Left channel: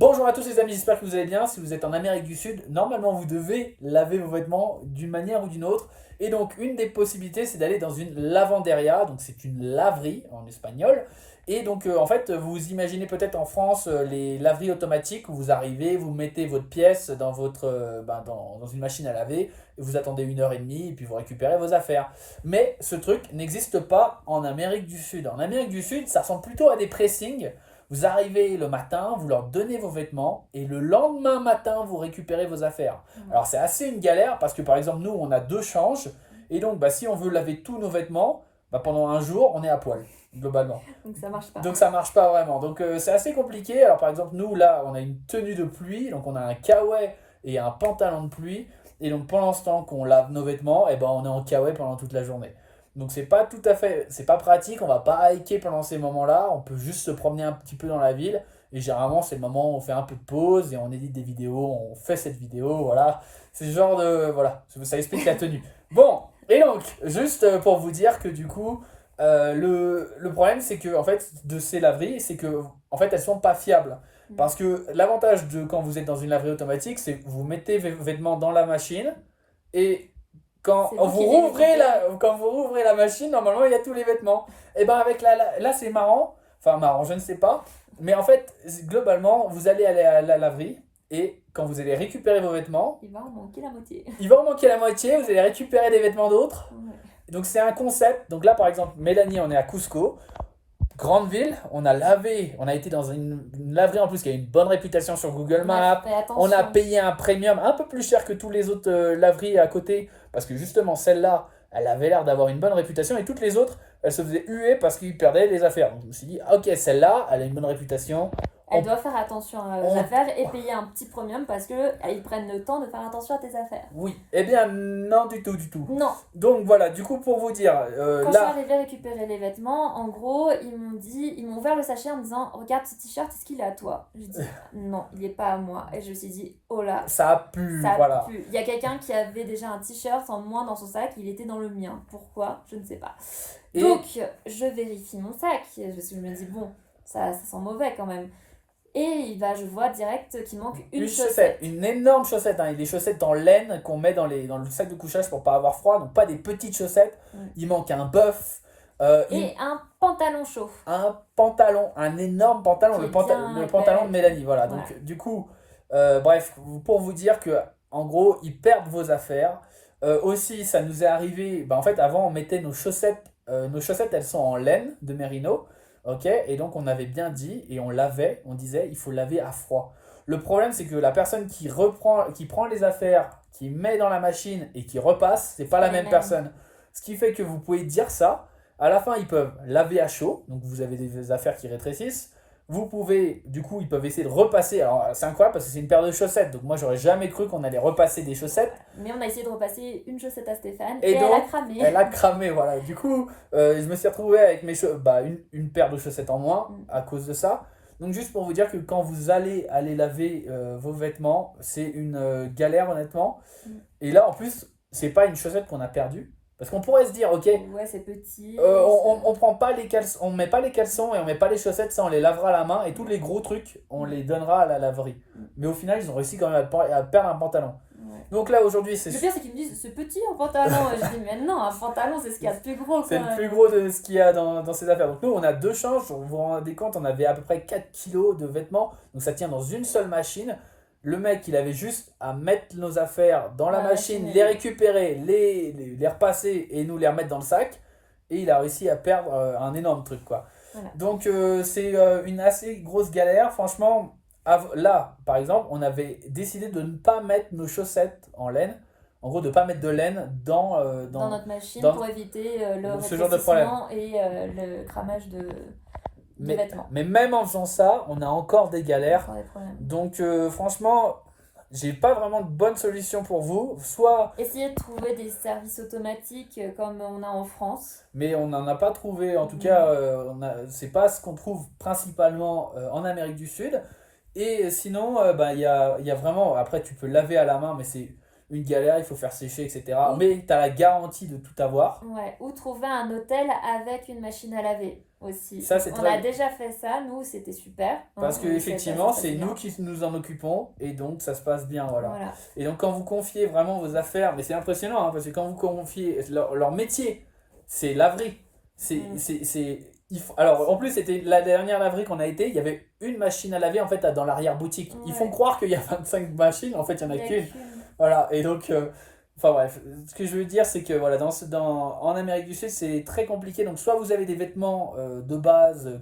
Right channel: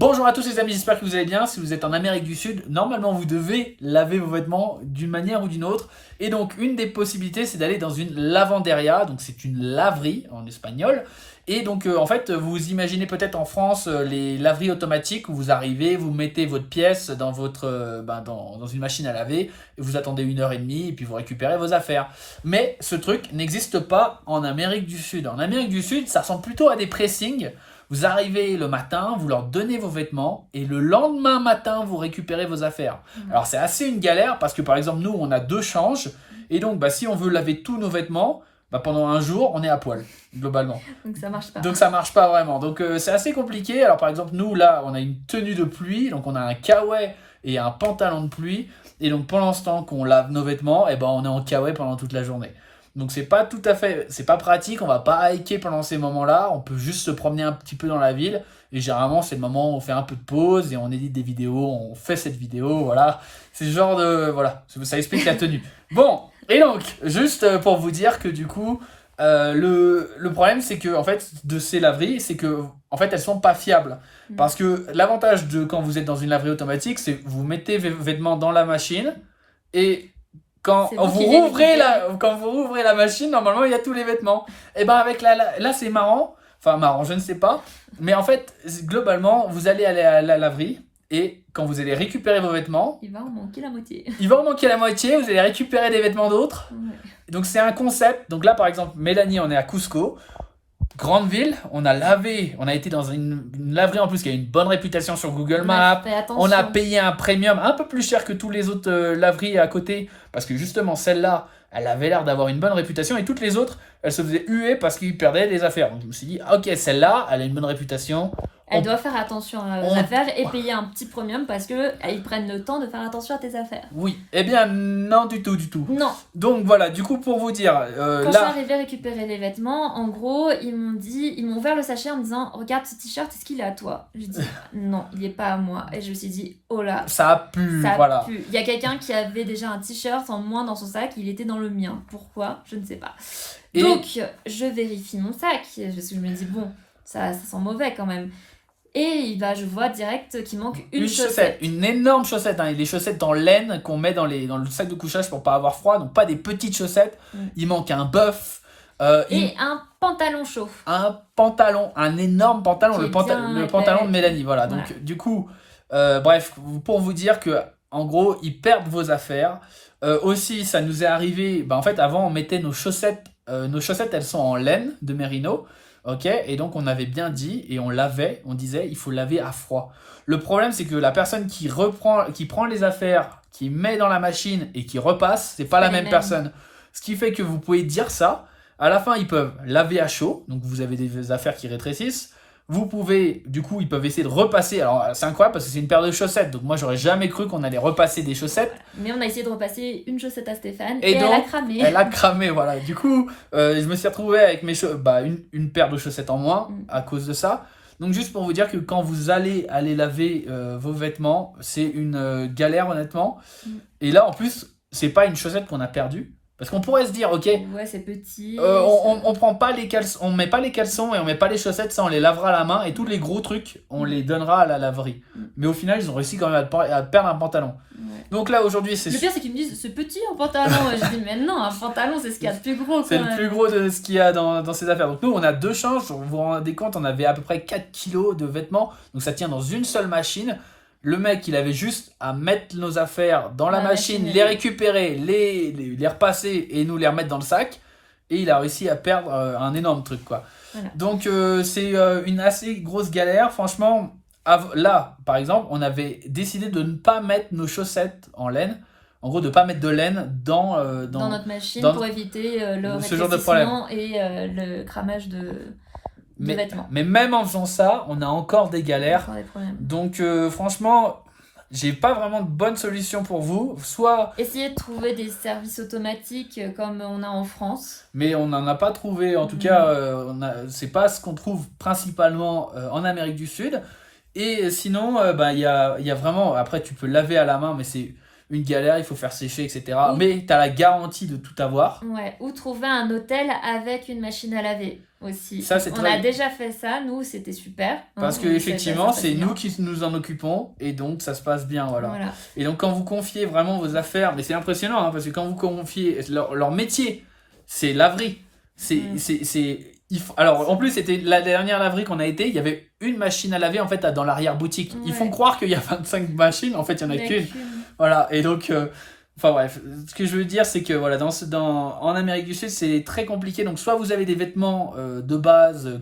Bonjour à tous les amis, j'espère que vous allez bien. Si vous êtes en Amérique du Sud, normalement vous devez laver vos vêtements d'une manière ou d'une autre. Et donc une des possibilités c'est d'aller dans une lavanderia, donc c'est une laverie en espagnol. Et donc en fait vous imaginez peut-être en France les laveries automatiques où vous arrivez, vous mettez votre pièce dans, dans une machine à laver, et vous attendez 1 heure et demie et puis vous récupérez vos affaires. Mais ce truc n'existe pas en Amérique du Sud. En Amérique du Sud ça ressemble plutôt à des pressings. Vous arrivez le matin, vous leur donnez vos vêtements et le lendemain matin, vous récupérez vos affaires. Alors c'est assez une galère parce que par exemple nous, on a 2 changes et donc si on veut laver tous nos vêtements, pendant un jour, on est à poil, globalement. Donc ça marche pas. Donc ça marche pas vraiment. Donc c'est assez compliqué. Alors par exemple nous, là, on a une tenue de pluie, donc on a un kawaii et un pantalon de pluie. Et donc pendant ce temps qu'on lave nos vêtements, on est en kawaii pendant toute la journée. Donc c'est pas pratique, on va pas hiker pendant ces moments-là, on peut juste se promener un petit peu dans la ville, et généralement c'est le moment où on fait un peu de pause, et on édite des vidéos, on fait cette vidéo, voilà, c'est ce genre de, voilà, ça explique la tenue. Bon, et donc, juste pour vous dire que du coup, le problème c'est que, en fait, de ces laveries, c'est que, en fait, elles sont pas fiables, parce que l'avantage de quand vous êtes dans une laverie automatique, c'est que vous mettez vos vêtements dans la machine, et quand vous rouvrez la machine, normalement il y a tous les vêtements. Et avec là c'est marrant, enfin marrant, je ne sais pas, mais en fait globalement vous allez aller à la laverie et quand vous allez récupérer vos vêtements, il va en manquer la moitié. Vous allez récupérer des vêtements d'autres. Ouais. Donc c'est un concept. Donc là par exemple Mélanie, on est à Cusco. Grande ville, on a été dans une laverie en plus qui a une bonne réputation sur Google Maps. On a payé un premium un peu plus cher que tous les autres laveries à côté parce que justement celle-là, elle avait l'air d'avoir une bonne réputation et toutes les autres, elles se faisaient huer parce qu'ils perdaient des affaires. Donc je me suis dit, ok, celle-là, elle a une bonne réputation. Elle doit faire attention aux affaires et payer un petit premium parce qu'ils prennent le temps de faire attention à tes affaires. Oui, eh bien non du tout. Non. Donc voilà, du coup pour vous dire... Quand je suis arrivée récupérer les vêtements, en gros, ils m'ont ouvert le sachet en me disant « Regarde ce t-shirt, est-ce qu'il est à toi ?» Je dis « Non, il n'est pas à moi. » Et je me suis dit « Oh là, ça pue, voilà. Pue. » Il y a quelqu'un qui avait déjà un t-shirt en moins dans son sac, il était dans le mien. Pourquoi ? Je ne sais pas. Donc, je vérifie mon sac, parce que je me dis « Bon, ça sent mauvais quand même. » Et je vois direct qu'il manque une chaussette. Une énorme chaussette, hein. Les chaussettes en laine qu'on met dans le sac de couchage pour pas avoir froid, donc pas des petites chaussettes. Il manque un buff. Et un pantalon chaud. Un énorme pantalon, le pantalon de Mélanie. Voilà. Donc du coup, bref, pour vous dire que en gros, ils perdent vos affaires. Aussi, ça nous est arrivé, en fait, avant, on mettait nos chaussettes, elles sont en laine de Merino. Ok, et donc on avait bien dit et on disait il faut laver à froid. Le problème c'est que la personne qui prend les affaires, qui met dans la machine et qui repasse, c'est pas la même personne. Ce qui fait que vous pouvez dire ça, à la fin ils peuvent laver à chaud, donc vous avez des affaires qui rétrécissent. Vous pouvez, du coup, ils peuvent essayer de repasser. Alors, c'est incroyable parce que c'est une paire de chaussettes. Donc, moi, j'aurais jamais cru qu'on allait repasser des chaussettes. Mais on a essayé de repasser une chaussette à Stéphane et donc, elle a cramé. Elle a cramé, voilà. Du coup, je me suis retrouvé avec une paire de chaussettes en moins à cause de ça. Donc, juste pour vous dire que quand vous allez laver vos vêtements, c'est une galère, honnêtement. Et là, en plus, c'est pas une chaussette qu'on a perdue. Parce qu'on pourrait se dire, ok, ouais, c'est petit. On prend pas les caleçons, on met pas les caleçons et on met pas les chaussettes, ça on les lavera à la main et tous les gros trucs on les donnera à la laverie. Mais au final ils ont réussi quand même à perdre un pantalon. Ouais. Donc là aujourd'hui c'est... Le pire c'est qu'ils me disent c'est petit un pantalon. Je dis mais non, un pantalon c'est ce qu'il y a de plus gros. C'est le plus gros de ce qu'il y a dans ces affaires. Donc nous on a 2 changes, vous vous rendez compte, on avait à peu près 4 kilos de vêtements, donc ça tient dans une seule machine. Le mec, il avait juste à mettre nos affaires dans la machine, les récupérer, les repasser et nous les remettre dans le sac. Et il a réussi à perdre un énorme truc, quoi. Voilà. Donc, c'est une assez grosse galère. Franchement, là, par exemple, on avait décidé de ne pas mettre nos chaussettes en laine. En gros, de ne pas mettre de laine dans notre machine pour éviter le rétrécissement et le cramage de... Mais même en faisant ça, on a encore des galères. Donc franchement, j'ai pas vraiment de bonne solution pour vous. Soit essayez de trouver des services automatiques comme on a en France. Mais on n'en a pas trouvé. En tout cas, c'est pas ce qu'on trouve principalement en Amérique du Sud. Et sinon, il y a vraiment... Après, tu peux laver à la main, mais c'est une galère, il faut faire sécher, etc. Mais tu as la garantie de tout avoir. Ouais, ou trouver un hôtel avec une machine à laver. aussi. Ça, c'est On très- a déjà fait ça, nous, c'était super. Parce On que essaie de effectivement, faire ça c'est bien. nous qui nous en occupons et donc ça se passe bien, voilà. Voilà. Et donc quand vous confiez vraiment vos affaires, mais c'est impressionnant hein, parce que quand vous confiez leur métier, c'est laverie. Alors en plus c'était la dernière laverie qu'on a été, il y avait une machine à laver en fait dans l'arrière-boutique. Ils font Ouais. croire qu'il y a 25 machines, en fait il y en a Il y a qu'une. Voilà, et donc enfin bref, ce que je veux dire c'est que voilà, en Amérique du Sud c'est très compliqué. Donc soit vous avez des vêtements de base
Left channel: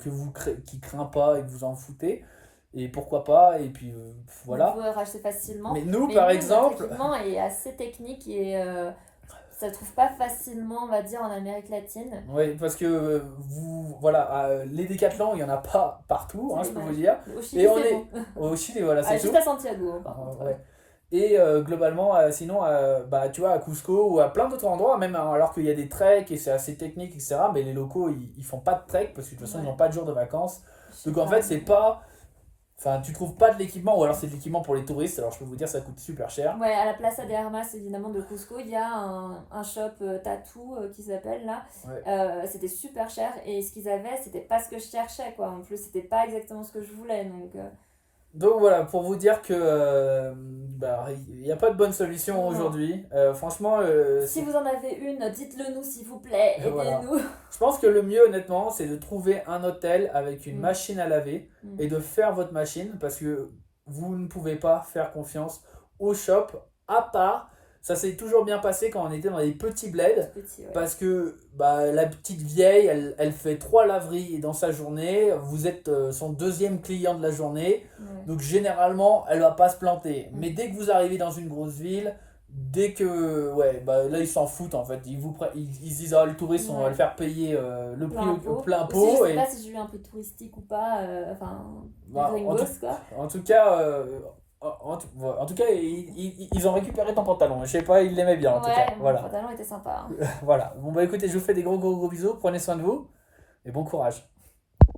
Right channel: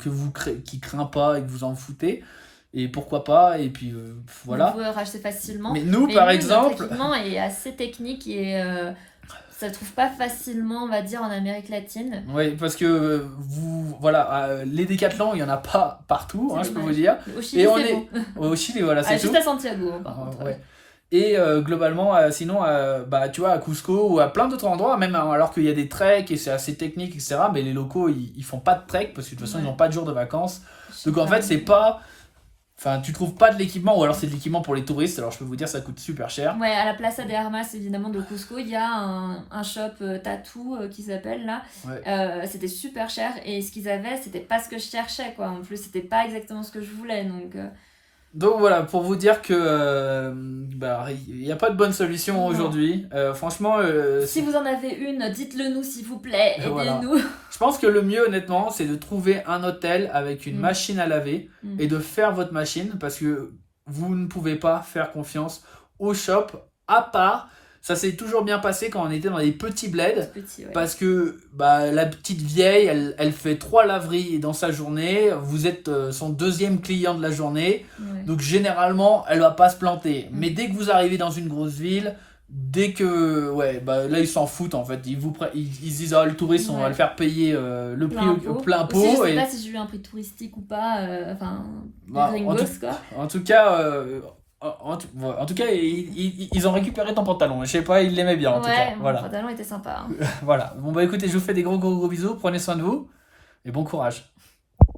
qui craignent pas et que vous en foutez, et pourquoi pas, et puis voilà. Vous pouvez racheter facilement. Mais nous Mais par nous, exemple, notre équipement est assez technique et ça se trouve pas facilement, on va dire, en Amérique latine. oui, parce que les décathlons, il y en a pas partout, hein, C'est je peux dommage. vous dire. Au Chili, Et on c'est est bon. au Chili, voilà, c'est Juste tout. à Santiago, hein, par contre. Ouais. Et globalement, sinon, tu vois, à Cusco ou à plein d'autres endroits, même alors qu'il y a des treks et c'est assez technique, etc., mais les locaux, ils font pas de trek parce que de toute façon, ils Ouais. n'ont pas de jour de vacances. Je sais Donc en pas. fait, c'est pas. Enfin, tu trouves pas de l'équipement, ou alors c'est de l'équipement pour les touristes, alors je peux vous dire, ça coûte super cher. Ouais, à la Plaza de Armas, évidemment, de Cusco, il y a un shop tattoo qui s'appelle là. Ouais. C'était super cher et ce qu'ils avaient, c'était pas ce que je cherchais, quoi. En plus, c'était pas exactement ce que je voulais, donc. Donc voilà, pour vous dire que il n'y a pas de bonne solution Non. aujourd'hui. Franchement, Si vous en avez une, dites-le nous, s'il vous plaît. Voilà. Aidez-nous. je pense que le mieux, honnêtement, c'est de trouver un hôtel avec une Mm. machine à laver Mm. et de faire votre machine parce que vous ne pouvez pas faire confiance au shop, à part, ça s'est toujours bien passé quand on était dans des petits bleds. Petit, ouais. Parce que la petite vieille, elle fait 3 laveries dans sa journée, vous êtes son deuxième client de la journée, Ouais. donc généralement elle va pas se planter. Mm. Mais dès que vous arrivez dans une grosse ville, dès que là ils s'en foutent en fait, ils se disent le touriste on va Ouais. le faire payer le prix au plein Aussi, je pot. sais Et pas si j'ai eu un prix touristique ou pas, enfin, Bah, en gringos, quoi. en tout cas, en tout cas ils ont récupéré ton pantalon. Je sais pas, ils l'aimaient bien en tout cas. Mon Voilà. pantalon était sympa. Hein. Voilà. Bon bah écoutez, je vous fais des gros bisous, prenez soin de vous et bon courage.